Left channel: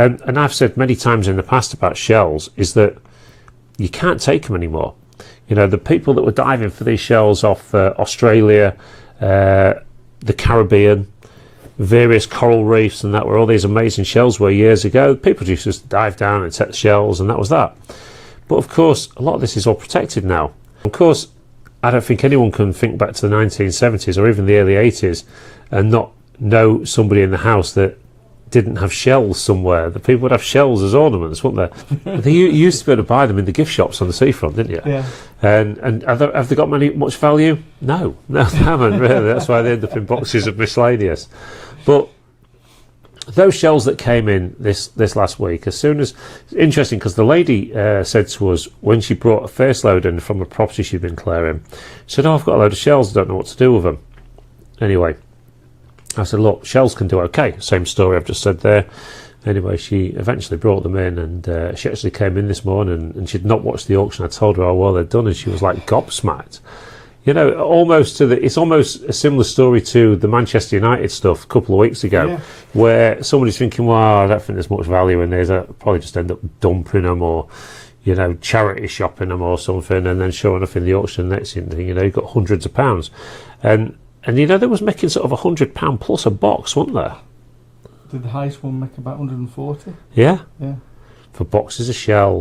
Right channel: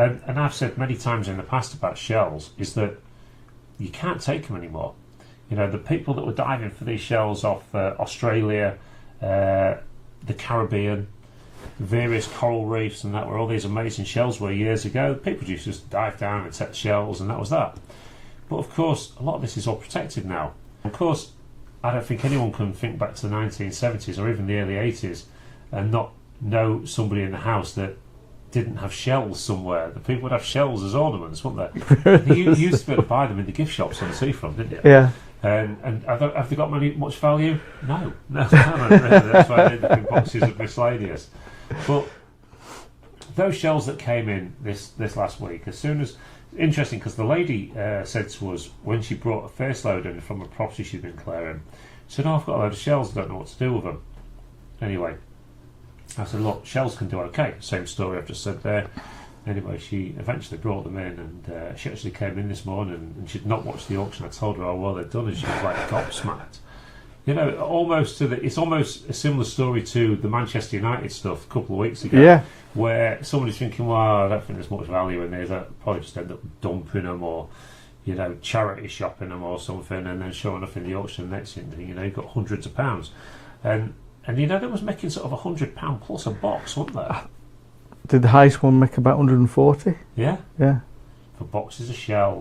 And I've said many times in the past about shells is that you can't take them anymore. You know, the people that were diving for these shells off Australia, the Caribbean, various coral reefs, and that where all these amazing shells were years ago, people just dive down and take the shells, and that was that. But of course, a lot of this is all protected now. Of course, I don't think anyone can think back to the 1970s or even the early 80s and not know somebody in the house that didn't have shells somewhere. The people would have shells as ornaments, wouldn't they? You used to be able to buy them in the gift shops on the seafront, didn't you? Yeah. And have they got much value? No, they haven't really. That's why they end up in boxes of miscellaneous. But those shells that came in this last week, as soon as, it's interesting because the lady said to us when she brought a first load in from a property she'd been clearing, she said, "Oh, I've got a load of shells, I don't know what to do with them." Anyway, I said, "Look, shells can do okay." Same story I've just said there. Anyway, she eventually brought them in, and she actually came in this morning and she'd not watched the auction. I told her how well they'd done, and she was like gobsmacked. You know, it's almost a similar story to the Manchester United stuff a couple of weeks ago, where somebody's thinking, "Well, I don't think there's much value in these. I'll probably just end up dumping them or, you know, charity shopping them or something," and then showing up in the auction next thing, you know, you've got hundreds of pounds. And you know, they was making sort of £100 plus a box, wasn't there? Did the highest one make about 140? Yeah. Yeah. For boxes of shells.